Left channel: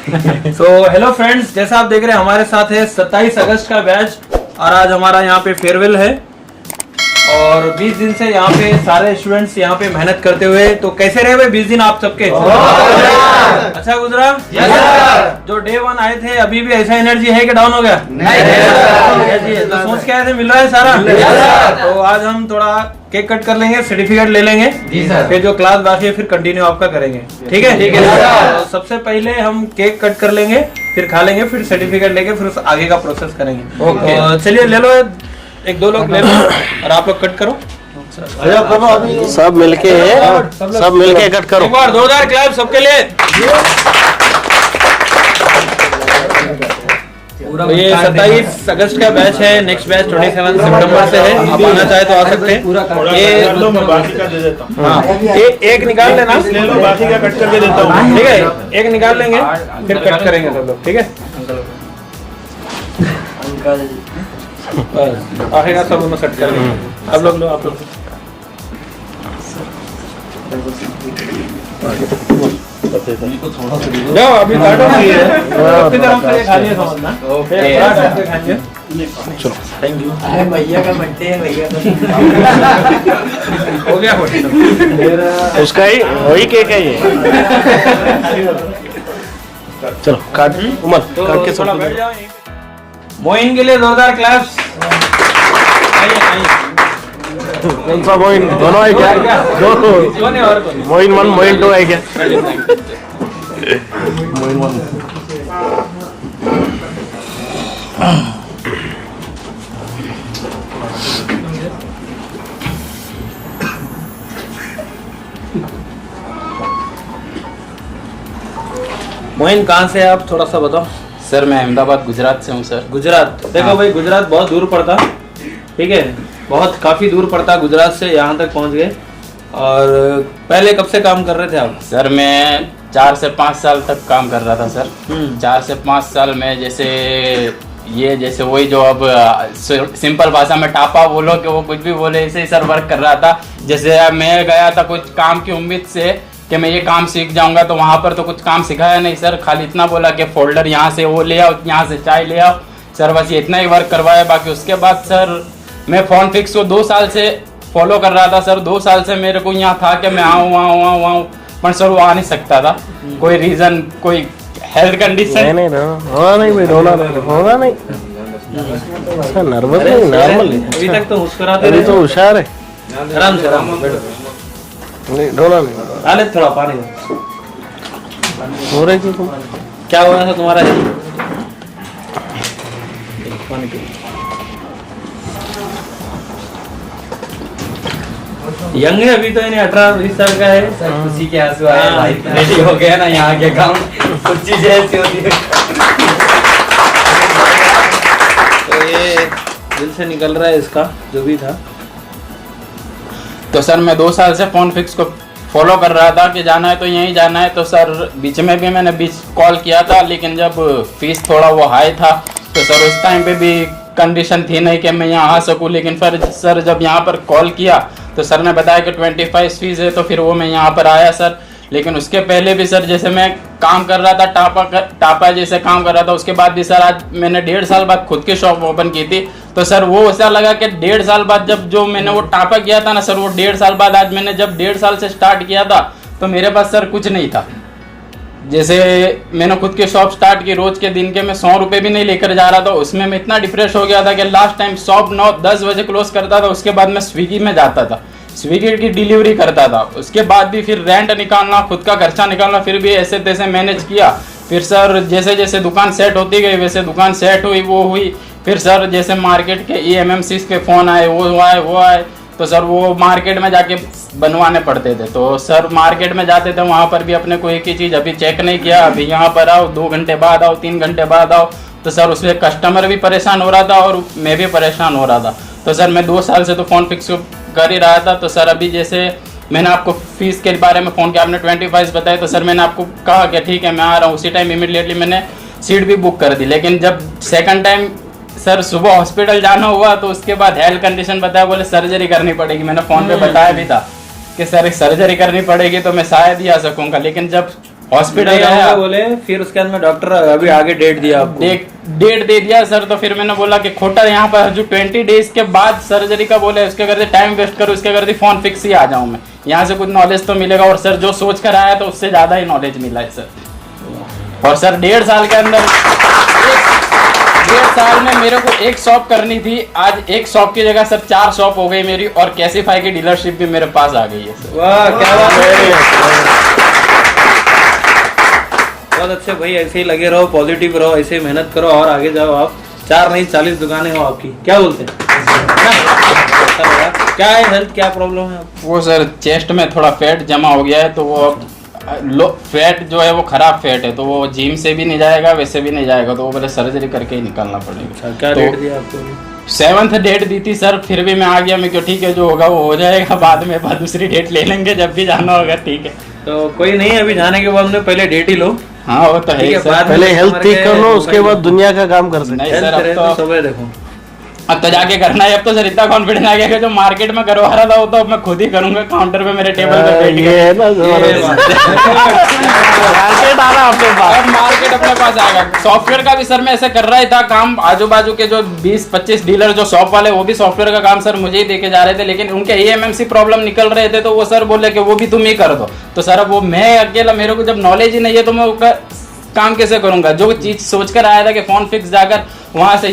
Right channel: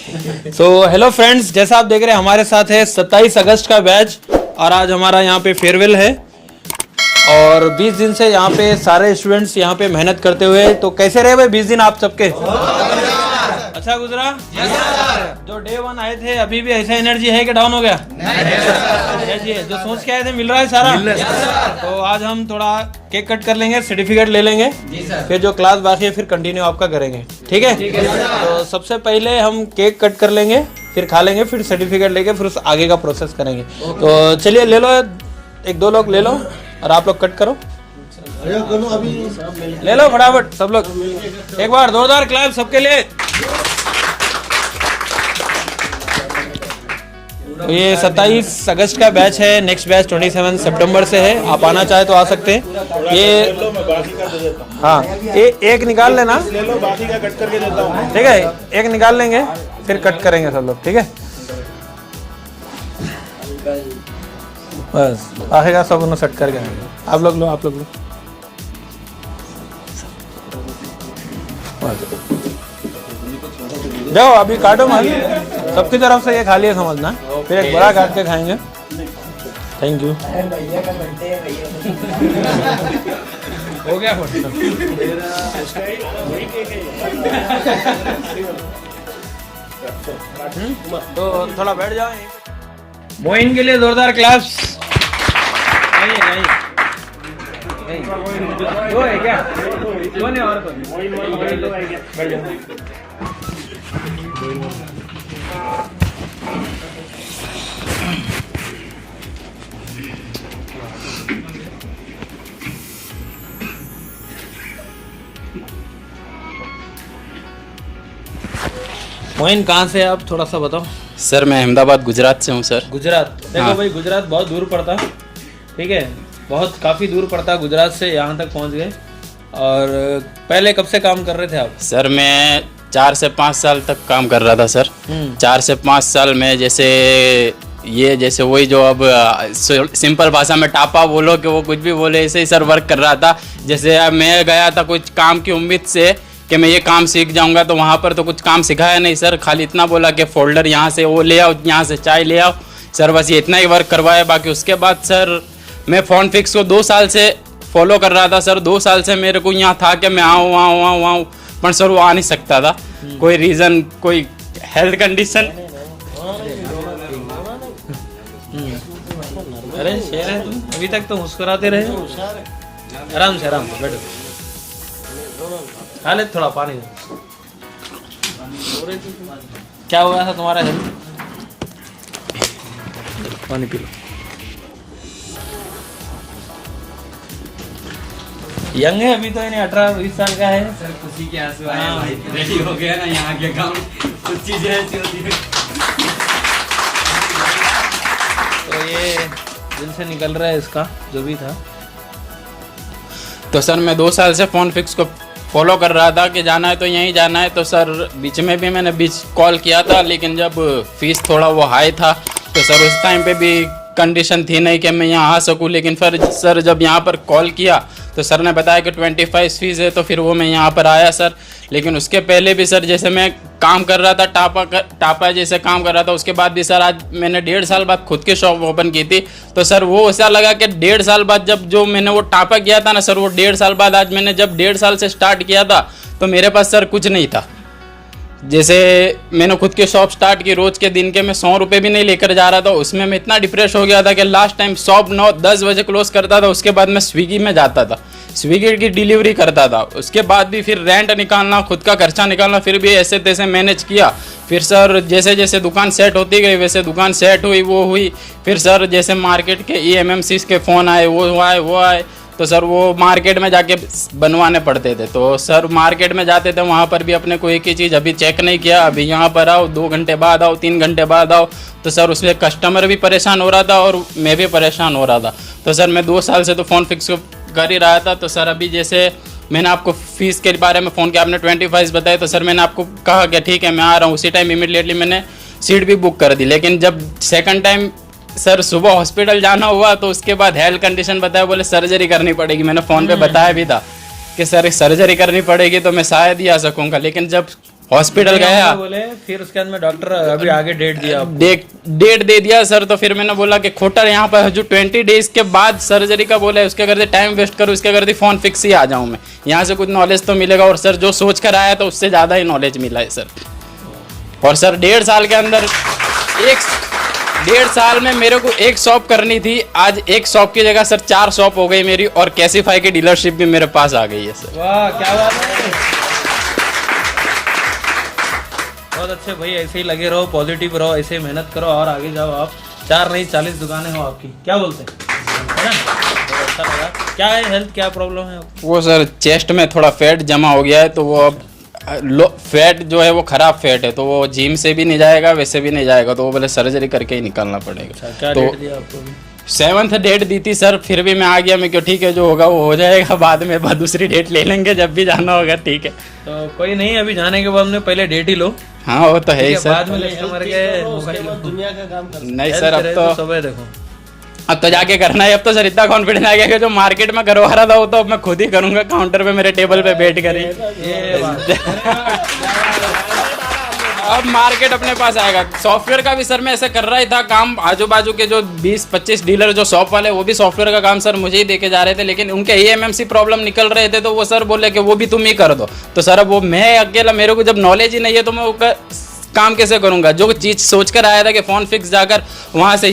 So hello friends, जैसा आप देख रहे हैं हमारे साथ है 27 अगस्त का बैच और आज हमारा यहाँ पे फेयरवेल है और 20 दिन से यहाँ पे सारे स्टूडेंट्स यहाँ पे मेहनत करते हुए। तो कैसे रहे भाई 20 दिन आप सबके? अच्छा गुजरा? Yes sir. जो डे 1 आए थे अभी भी ऐसा एनर्जी है कि डाउन हो गया? नहीं सर। तो सोच के आए थे, मिल रहा है सारा? Yes sir. तो आज हम थोड़ा केक कट कर लेंगे, सर्टिफिकेट ले लेंगे, फिर जो क्लास बाकी है फिर कंटिन्यू आपका करेंगे। ठीक है? ठीक है सर। तो सबसे पहले हम केक कट कर लेंगे, फिर खा लेंगे, फिर सर्टिफिकेट लेके फिर आगे का प्रोसेस करेंगे। तो चलिए ले लो, एक दो लोग ले लो और आप लोग कट करो। सब मिलके सब मिलके कट करो। एक बार जोरदार क्लैप सबके लिए। तो ये 27 अगस्त का बैच है, नेक्स्ट बैच 27 सितंबर से है। आप आना चाहे तो आ सकते हैं। ये बाकी का दे देता हूँ। हाँ, एक निकाल लेना, ले लो, बाकी का कट करके देता हूँ। ठीक है? एक निकाल लेंगे फिर कट करेंगे सब लोग। ठीक है? बस आएगा सब उन्हें सेट कर लेंगे। आप लोग लो, आप लोग लो। जाओ अभी काटो मत, सबकी तरफ से ये खाली है समझना, फिर पूरा काट के खाएंगे। Thank you. अरे भैया का बर्थडे है, भैया हो गया उसका ही वही केक है ये। चलो काट उमर तो काट के थोड़ा बैठ जाओ। मोइन के लिए जोरदार क्लैप्स। कौन सा मोइन? दोनों है क्या? दोनों। मोइन 1 मोइन 2 है क्या? मोइन 1। मोइन कहाँ से आप थोड़ा सा बताओ। सर मैं अहमदाबाद गुजरात से हूँ सर। गुजरात? देखो हाँ। भाई गुजरात बहुत दूर पड़ता, ठीक है, बहुत काफी दूर पड़ता गुजरात से यहाँ तक पहुँच गए। और पहले कब से काम कर रहे थे आप? सर मैं 4 से 5 साल तक काम कर रहा था सर। 4 से 5 साल में जैसे वही जो अब सिंपल भाषा में टापा बोलो कि वो कुछ भी बोले, ऐसे ही सर वर्क कर रहा था। जैसे अब मैं गया था कुछ काम की उम्मीद से कि मैं ये काम सीख जाऊंगा, तो वहाँ पर तो कुछ काम सिखाया नहीं सर। खाली इतना बोला कि फोल्डर यहाँ से वो ले आओ, यहाँ से चाय ले आओ सर, बस ये इतना ही वर्क करवाया। बाकी उसके बाद सर मैं फोन फिक्स को 2 साल से फॉलो कर रहा था सर। 2 साल से मेरे को यहाँ था कि मैं आऊँ, पर सर वो आ नहीं सकता था। कोई रीज़न, कोई हेल्थ कंडीशन। नहीं रोना नहीं भाई, रोना नहीं। नर्वस नहीं, नॉर्मल। अभी तक तो मुस्कुराते अभी रहे। तो होशियार है। आराम से बैठो। नहीं रोना नहीं। आले थोड़ा पानी दो। हो रहा है कि तुम क्या हो रहा था तुम्हारा? पानी पी। यंग है अभी तो, इन्हें 18-20 साल का है। खुशी के आंसू आए भाई, रेडी हो गया ना यहाँ के काम, कुछ चीजें ऐसी होती है। तो ये दिल से निकल रहा है इसका जो भी था। तो सर मैं 2 साल से फोन फिक्स को फॉलो कर रहा था कि जाना है तो यहीं जाना है। तो सर बीच में भी मैंने कॉल किया था, लेकिन जब फीस थोड़ा वो हाई था तो सर उस टाइम पे भी कंडीशन थी नहीं कि मैं यहाँ आ सकूँ। लेकिन फिर सर जब यहाँ पर कॉल किया तो सर ने बताया कि 25 फीस है, तो फिर वो मैं यहाँ पर आया सर। लेकिन उसके पहले भी सर जैसे मैं काम कर रहा था, टापा जैसे काम कर रहा था, उसके बाद भी सर आज मैंने 1.5 साल बाद खुद की शॉप ओपन की थी। तो सर वो ऐसा लगा कि 1.5 साल बाद जब जो मैंने वो टापा किया था ना सर, वो 1.5 साल बाद आज मैंने जब 1.5 साल से स्टार्ट किया था तो मेरे पास सर कुछ नहीं था। जैसे मैंने खुद की शॉप स्टार्ट की, रोज के दिन के मैं 100 रुपये भी नहीं लेकर जा रहा था। उसमें मैं इतना डिप्रेस हो गया था कि लास्ट टाइम शॉप 9-10 बजे क्लोज करता था। उसके बाद मैं स्विगी में जाता था, स्विगी की डिलीवरी करता था। उसके बाद भी फिर रेंट निकालना, खुद का खर्चा निकालना, फिर भी ऐसे तैसे मैनेज किया। फिर सर जैसे जैसे दुकान सेट होती गई वैसे दुकान सेट हुई, वो हुई। फिर सर जैसे मार्केट के EMMCs के फ़ोन आए, वो आए, तो सर वो मार्केट में जाके बनवाने पड़ते थे। तो सर मार्केट में जाते थे, वहाँ पर भी अपने को एक ही चीज़, अभी चेक नहीं किया, अभी यहाँ पर आओ, 2 घंटे बाद आओ, 3 घंटे बाद आओ। तो सर उसमें कस्टमर भी परेशान हो रहा था और मैं भी परेशान हो रहा था। तो सर मैं 2 साल से तो फ़ोन फिक्स कर ही रहा था। तो सर अभी जैसे मैंने आपको फीस के बारे में फ़ोन किया, आपने 25 बताया, तो सर मैंने आपको कहा कि ठीक है मैं आ रहा हूँ। उसी टाइम इमीडिएटली मैंने सीट भी बुक कर दी। लेकिन जब सेकंड टाइम सर सुबह हॉस्पिटल जाना हुआ तो उसके बाद हेल्थ कंडीशन बताया, बोले सर्जरी करनी पड़ेगी। मैंने फ़ोन पे बताया भी था कि सर सर्जरी करनी पड़ेगी तो मैं शायद ही आ सकूँगा। लेकिन जब हॉस्पिटल गया, बोले फिर उसके बाद में डॉक्टर अभी आगे डेट दिया आपको। डेट दे दिया सर। तो फिर मैंने बोला कि खोटा यहाँ पर जो 20 डेज के बाद सर्जरी का बोला है, उसके करते टाइम वेस्ट करो, उसके करते फोन फिक्स ही आ जाऊँ मैं, यहाँ से कुछ नॉलेज तो मिलेगा। और सर जो सोच कर आया तो उससे ज़्यादा ही नॉलेज मिला है सर। और सर 1.5 साल के अंदर 1.5 साल में मेरे को एक शॉप करनी थी, आज एक शॉप की जगह सर 4 शॉप हो गई मेरी, और कैसीफाई की डीलरशिप भी मेरे पास आ गई है सर। वाह क्या बात है, बहुत अच्छे भाई, ऐसे ही लगे रहो, पॉजिटिव रहो, ऐसे ही मेहनत करो और आगे जाओ। आप 4 नहीं 40 दुकानें हो आपकी, क्या बोलते हैं? क्या है हेल्थ, क्या प्रॉब्लम है आपको? वो सर चेस्ट में थोड़ा फैट जमा हो गया है, तो वो फैट जो है वो खराब फैट है, तो वो जिम से भी नहीं जाएगा, वैसे भी नहीं जाएगा, तो वो बोले सर्जरी करके ही निकालना पड़ेगा। क्या तो डेट दिया आपको? 7th डेट दी थी सर, फिर भी मैं आ गया। मैं क्यों, ठीक है जो होगा वो हो जाएगा, बाद में दूसरी डेट ले लेंगे जब भी जाना होगा, ठीक है। तो कोई नहीं, अभी जाने के बाद में पहले डेट ही लो। हाँ वो तो है ही सर, पहले हेल्थ ठीक कर लो, उसके बाद दुनिया का काम कर सकते। नहीं सर अब तो सुबह देखो, अब तो जाके करना है। अब तो सर इतना कॉन्फिडेंस आ गया कि जो मार्केट में करवा रहा था वो तो अब मैं खुद ही करूंगा, काउंटर पे मेरे टेबल पे बैठ ये के। है ना मार्केट आ रहा अपने पास। अब मार्केट अपने पास आएगा। सॉफ्टवेयर का भी सर मैं ऐसा कर रहा ही था काम, आजू बाजू के जो 20-25 डीलर जो शॉप वाले, वो भी सॉफ्टवेयर का काम सर मुझे ही देके जा रहे थे, लेकिन उनके EMMC प्रॉब्लम निकल रहे थे, तो वो सर बोले कि वो भी तुम ही कर दो। तो सर अब वो मैं अकेला, मेरे को जब नॉलेज ही नहीं है तो मैं काम कैसे करूंगा? जो चीज सोच कर आया था कि फोन फिक्स जाकर वहां से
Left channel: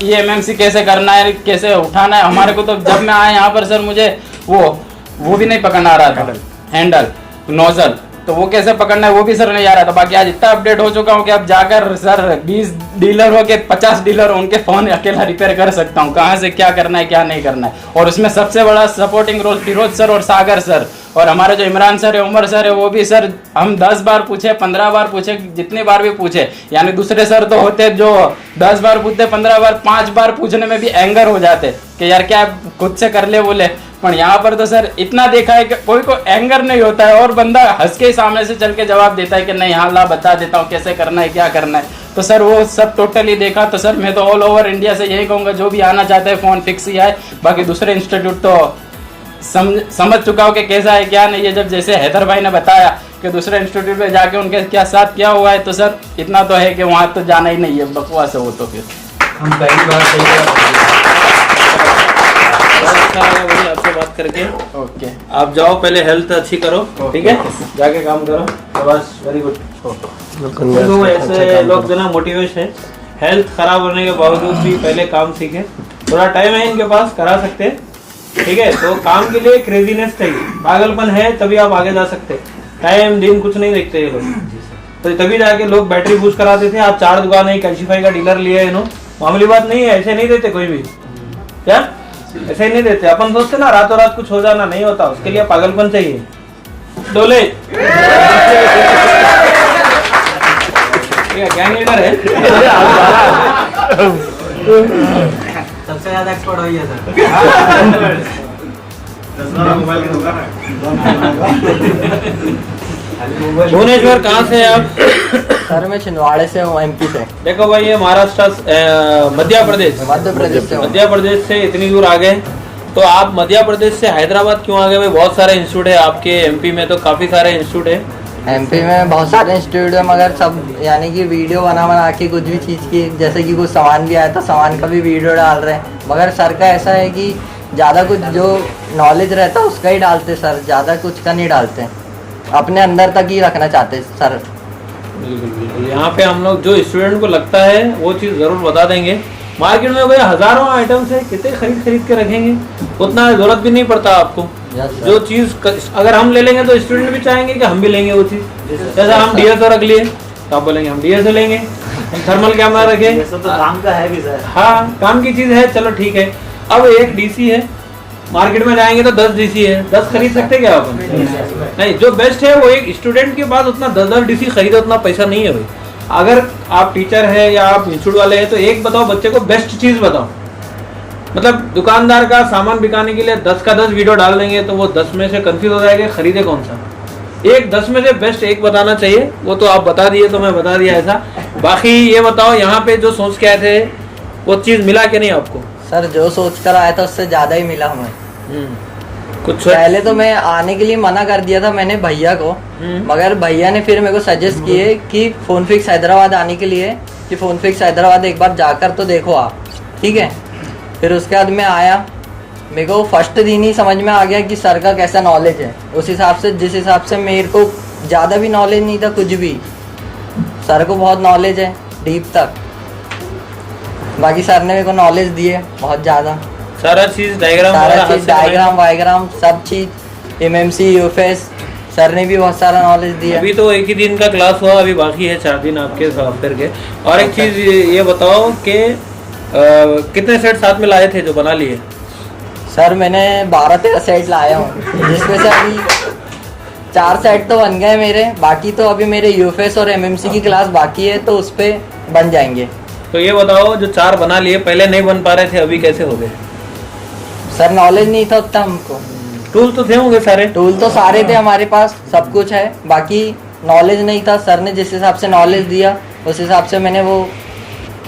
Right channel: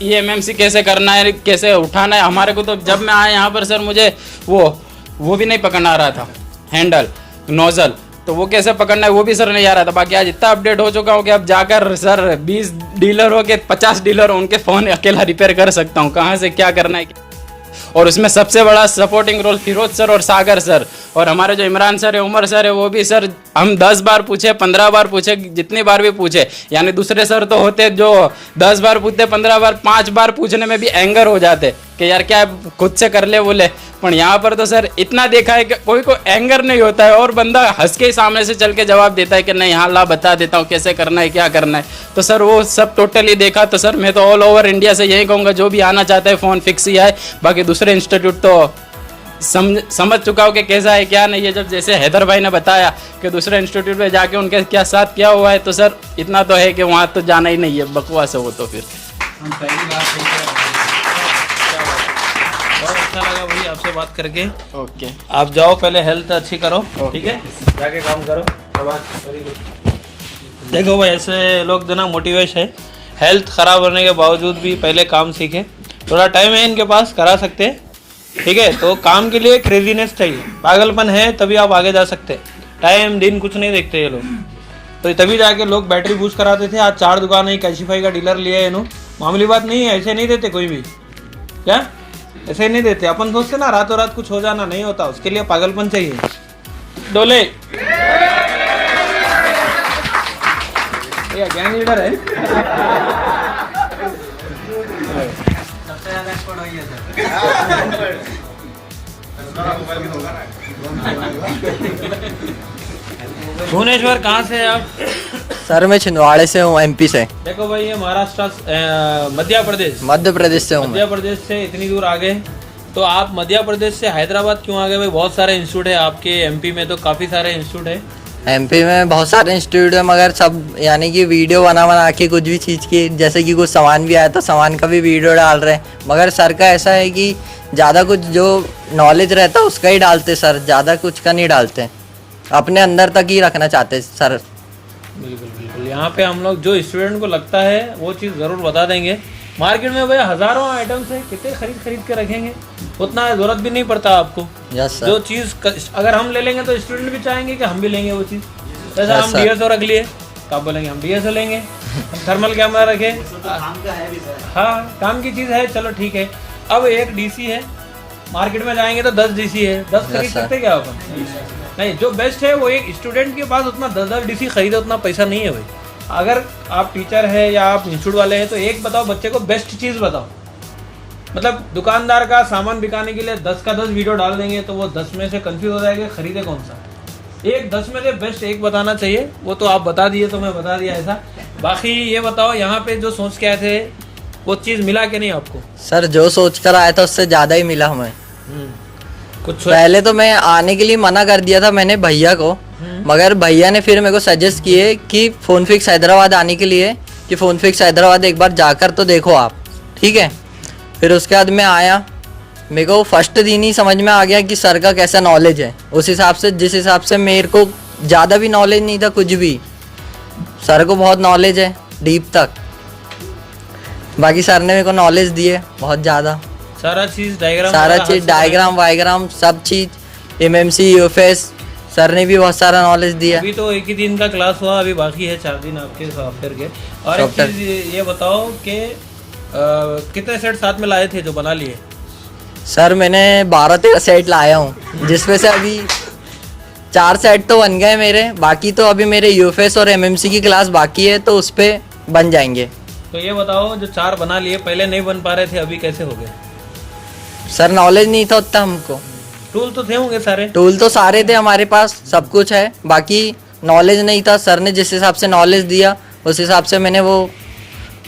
EMMC कैसे करना है, कैसे उठाना है, हमारे को तो जब मैं आया यहाँ पर सर मुझे वो भी नहीं पकड़ना आ रहा था, हैंडल नोजल, तो वो कैसे पकड़ना है वो भी सर नहीं आ रहा था। बाकी आज इतना अपडेट हो चुका हूँ कि अब जाकर सर 20 डीलर हो के 50 डीलर उनके फोन अकेला रिपेयर कर सकता हूँ, कहाँ से क्या करना है क्या नहीं करना है। और उसमें सबसे बड़ा सपोर्टिंग रोल फिरोज सर और सागर सर, और हमारे जो इमरान सर है, उमर सर है, वो भी सर हम 10 बार पूछे, 15 बार पूछे, जितनी बार भी पूछे, यानी दूसरे सर तो होते जो 10 बार पूछते, 15 बार, 5 बार पूछने में भी एंगर हो जाते कि यार क्या खुद से कर ले बोले। पर यहाँ पर तो सर इतना देखा है कि कोई को एंगर नहीं होता है, और बंदा हंस के सामने से चल के जवाब देता है कि नहीं हाँ ला बता देता हूँ कैसे करना है क्या करना है। तो सर वो सब टोटली देखा। तो सर मैं तो ऑल ओवर इंडिया से यही कहूँगा, जो भी आना चाहता है फ़ोन फिक्स ही है। बाकी दूसरे इंस्टीट्यूट तो समझ चुका हूँ कि कैसा है क्या नहीं है। जब जैसे हैदर भाई ने बताया कि दूसरे इंस्टीट्यूट में जाके उनके क्या साथ क्या हुआ है, तो सर इतना तो है कि वहाँ तो जाना ही नहीं है, बकवास है वो। तो फिर हम पहली बार अच्छा लगा भाई आपसे बात करके। ओके, आप जाओ, पहले हेल्थ अच्छी करो, ठीक है, जाके काम करो, बस वेरी गुड। देखो भाई ऐसे लोग जो ना मोटिवेशन है, हेल्थ खराब होने के बावजूद भी पहले काम सीखे, थोड़ा टाइम है इनके पास, करा सकते हैं, ठीक है। तो काम के लिए क्रेजीनेस चाहिए, पागलपन है तभी आप आगे जा सकते हैं। टाइम दिन कुछ नहीं देखते ये लोग, तो तभी जाके लोग बैटरी बूस्ट कराते थे। आज 4 दुकान है, कैशिफाई का डीलर लिया है इन्होंने, मामूली बात नहीं है, ऐसे नहीं देते कोई भी, क्या ऐसे ही नहीं देते। अपन सोचते ना रातों रात कुछ हो जाना, नहीं होता, उसके लिए पागलपन चाहिए। डोले गैंग लीडर है, सबसे ज्यादा एक्सपर्ट वही है सर। भुवनेश्वर कहाँ से हैं आप? सर मैं छिंदवाड़े से हूँ, MP से। देखो भाई ये महाराष्ट्र मध्य प्रदेश से हूँ। मध्य प्रदेश से इतनी दूर आ गए, तो आप मध्य प्रदेश से हैदराबाद क्यों आ गए भाई? बहुत सारे इंस्टीट्यूट है आपके MP में, तो काफी सारे इंस्टीट्यूट है। MP में बहुत सारे इंस्टीट्यूट है, मगर सब यानी कि वीडियो बना के कुछ भी चीज़ की, जैसे कि कुछ सामान भी आया तो सामान का भी वीडियो डाल रहे हैं, मगर सर का ऐसा है कि ज़्यादा कुछ जो नॉलेज रहता है उसका ही डालते सर, ज़्यादा कुछ का नहीं डालते, अपने अंदर तक ही रखना चाहते सर। बिल्कुल बिल्कुल, यहाँ पे हम लोग जो स्टूडेंट को लगता है वो चीज़ ज़रूर बता देंगे। मार्केट में भाई हज़ारों आइटम्स है, कितने खरीद के रखेंगे, उतना ज़रूरत भी नहीं पड़ता आपको। Yes sir. जो चीज़ अगर हम ले लेंगे तो स्टूडेंट भी चाहेंगे कि हम भी लेंगे वो चीज़। जैसा हम DSO रख लिए तो आप बोलेंगे हम DSO लेंगे, हम थर्मल कैमरा रखें, तो काम का है भी सर। हाँ काम की चीज़ है, चलो ठीक है। अब एक DC है, मार्केट में जाएंगे तो 10 DC है, 10 खरीद सकते क्या अपन? नहीं, जो बेस्ट है वो एक स्टूडेंट के पास उतना 10 DC खरीदे उतना पैसा नहीं है भाई। अगर आप टीचर है या आप इंस्टीट्यूट वाले हैं तो एक बताओ बच्चे को बेस्ट चीज़ बताओ। मतलब दुकानदार का सामान बिकाने के लिए 10 का 10 वीडियो डाल देंगे तो वो 10 में से कंफ्यूज हो जाएगा खरीदे कौन सा। एक 10 में से बेस्ट एक बताना चाहिए, वो तो आप बता दिए तो मैं बता दिया ऐसा। बाकी ये बताओ यहाँ पे जो सोच के आए थे वो चीज़ मिला कि नहीं आपको? सर जो सोच कर आया था उससे ज़्यादा ही मिला हमें। कुछ पहले तो मैं आने के लिए मना कर दिया था मैंने भैया को, मगर भैया ने फिर मेरे को सजेस्ट किए कि फोन फिक्स हैदराबाद आने के लिए, कि फोन फिक्स हैदराबाद एक बार जाकर तो देखो आप, ठीक है। फिर उसके बाद मैं आया, मेरे को फर्स्ट दिन ही समझ में आ गया कि सर का कैसा नॉलेज है। उस हिसाब से, जिस हिसाब से मेरे को ज़्यादा भी नॉलेज नहीं था कुछ भी, सर को बहुत नॉलेज है डीप तक। बाकी सर ने मेरे को नॉलेज दी है बहुत ज़्यादा, सारा चीज डायग्राम, सारा चीज़ डायग्राम वायग्राम सब चीज़, एमएमसी यूएफएस सर ने भी बहुत सारा नॉलेज दिया। अभी तो एक ही दिन का क्लास हुआ, अभी बाकी है 4 दिन आपके सॉफ्टवेयर के। और एक चीज ये बताओ कि कितने सेट साथ में लाए थे जो बना लिए? सर मैंने 12-13 सेट लाया हूँ, जिसमें से अभी 4 सेट तो बन गए मेरे, बाकी तो अभी मेरे यूएफएस और एमएमसी की क्लास बाकी है, तो उस पर बन जाएंगे। तो ये बताओ, जो 4 बना लिए, पहले नहीं बन पा रहे थे, अभी कैसे हो गए? सर नॉलेज नहीं था उतना हमको। टूल तो थे होंगे सारे? टूल तो सारे थे हमारे पास, सब कुछ है, बाकी नॉलेज नहीं था। सर ने जिस हिसाब से नॉलेज दिया उस हिसाब से मैंने वो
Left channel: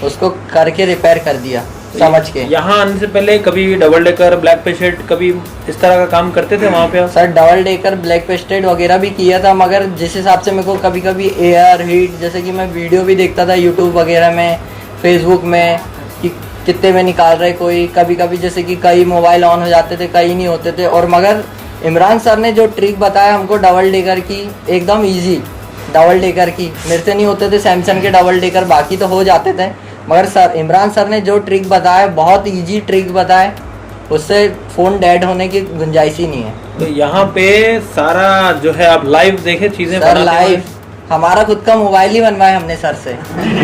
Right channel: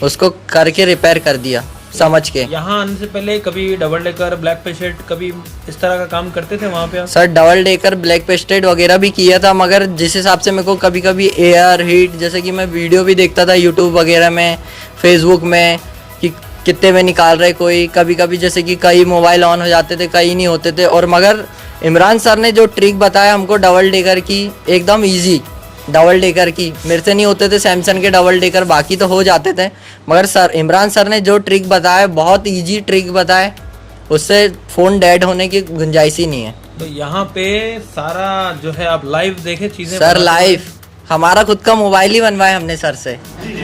उसको करके रिपेयर कर दिया समझ के। यहाँ आने से पहले कभी डबल डेकर, ब्लैक पेशेंट, कभी इस तरह का काम करते थे वहाँ पे? Sir double decker, black pasted वगैरह भी किया था, मगर जिस हिसाब से मेरे को कभी कभी एयर हीट, जैसे कि मैं वीडियो भी देखता था यूट्यूब वगैरह में, फेसबुक में, कि कितने में निकाल रहे कोई, कभी कभी जैसे कि कई मोबाइल ऑन हो जाते थे, कई नहीं होते थे। और मगर इमरान सर ने जो ट्रिक बताया हमको डबल डेकर की, एकदम इजी डबल डेकर की, मेरे से नहीं होते थे सैमसंग के डबल डेकर, बाकी तो हो जाते थे, मगर सर इमरान सर ने जो ट्रिक बताया, बहुत इजी ट्रिक बताया, उससे फ़ोन डेड होने की गुंजाइश ही नहीं है। तो यहाँ पे सारा जो है आप लाइव देखे चीजें? सर लाइव हमारा खुद का मोबाइल ही बनवाया हमने सर से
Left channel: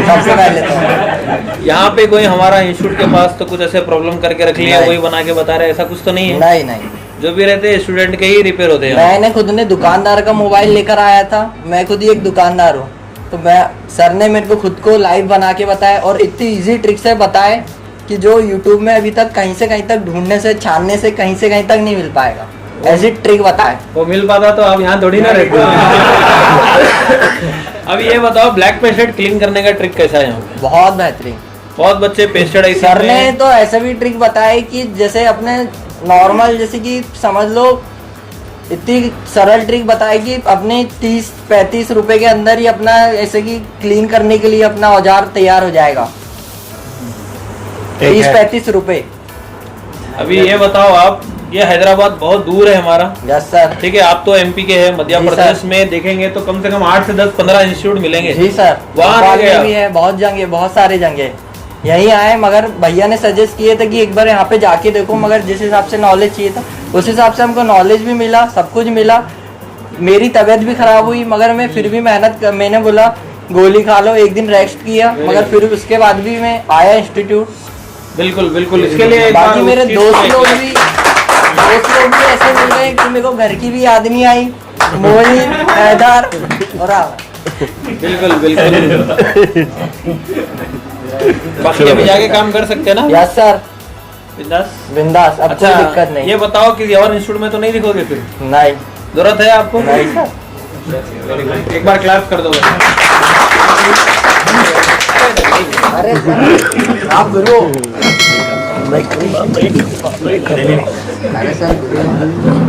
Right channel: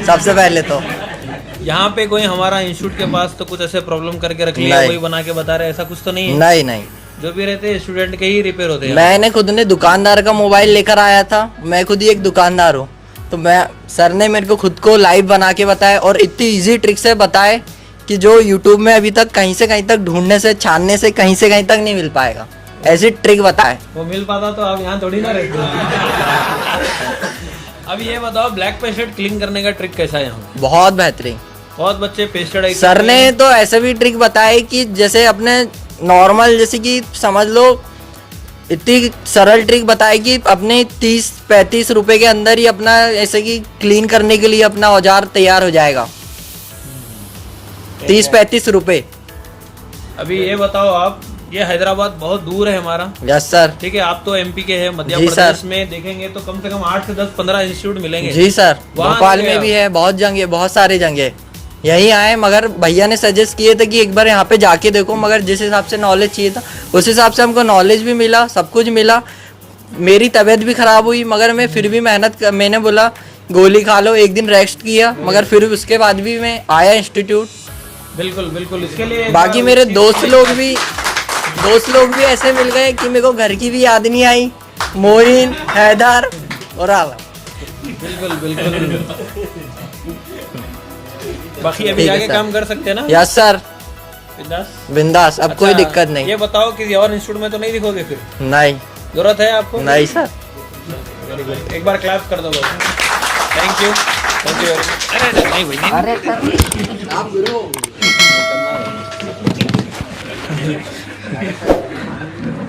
सबसे पहले तो। यहाँ पे कोई हमारा इंस्टीट्यूट के पास तो कुछ ऐसे प्रॉब्लम करके रख लिया, नहीं। वही बना के बता रहे, ऐसा कुछ तो नहीं है? नहीं नहीं, जो भी रहते हैं स्टूडेंट के ही रिपेयर होते हैं। मैंने खुद ने दुकानदार का मोबाइल लेकर आया था, मैं खुद ही एक दुकानदार हूँ, तो मैं सर ने मेरे को खुद को लाइव बना के बताया, और इतनी इजी ट्रिक से बताए कि जो यूट्यूब में अभी तक कहीं से कहीं तक ढूंढने से, छानने से कहीं से कहीं तक नहीं मिल पाएगा, ऐसी ट्रिक बताए। वो मिल पाता तो आप यहाँ थोड़ी ना रहते। अभी ये बताओ, ब्लैक पेस्टेड क्लीन करने का ट्रिक कैसा है यहाँ पे? बहुत बेहतरीन। बहुत बच्चे पेस्टेड सर ने तो ऐसे भी ट्रिक बताई कि जैसे अपने नॉर्मल, जैसे कि समझ लो इतनी सरल ट्रिक बताई कि अपने 30-35 रुपए के अंदर ही अपना ऐसे कि क्लीन करने के लिए अपना औजार तैयार हो जाएगा। 30-35 रुपए। अभी ये बताओ आप, ये हैदराबाद बहुत दूर है हमारा, यस सर। ठीक है, आप तो एमपी के हैं, मध्य जी प्रदेश सर। में देखेंगे तो कम से कम 8 से 10, 15 इंस्टीट्यूट मिलेंगे। जी सर, वहाँ भोपाल गए में भी है, बहुत जगह, बहुत सारे जगह यही आए, मगर भैया ने सजेस्ट किए थे कि एक बार यहाँ पे जाके देखो, मगर जिस हिसाब से नॉलेज चाहिए था उस हिसाब से हमको नॉलेज भी मिला, सब कुछ मिला। मेरी तबीयत भी खराब हुई, मगर मैं फिर भी मैंने बोला गोली खा लो, एक दिन रेस्ट किया, मगर फिर उसके बाद भी मैं आया इंस्टीट्यूट। बिल्कुल बिल्कुल, इसके लिए बाकी मेरे दोस्त लोग भी ऐसे मिल गए कि मेरे को घर की भी याद नहीं आई, मोइन, हैदर और बिल्कुल बिल्कुल। बाकी अभी जाके काम कर सकते हैं ना? यस सर, बिंदास बिंदास, अब कोई दिक्कत नहीं। ये बताओ कि और इंस्टीट्यूट में तो नहीं दिखोगे फिर? नहीं, जरूरत है आपको? नहीं सर। वेरी गुड, एक बार क्लैप कर दो भाई। अरे सर आप गुरु। अरे सर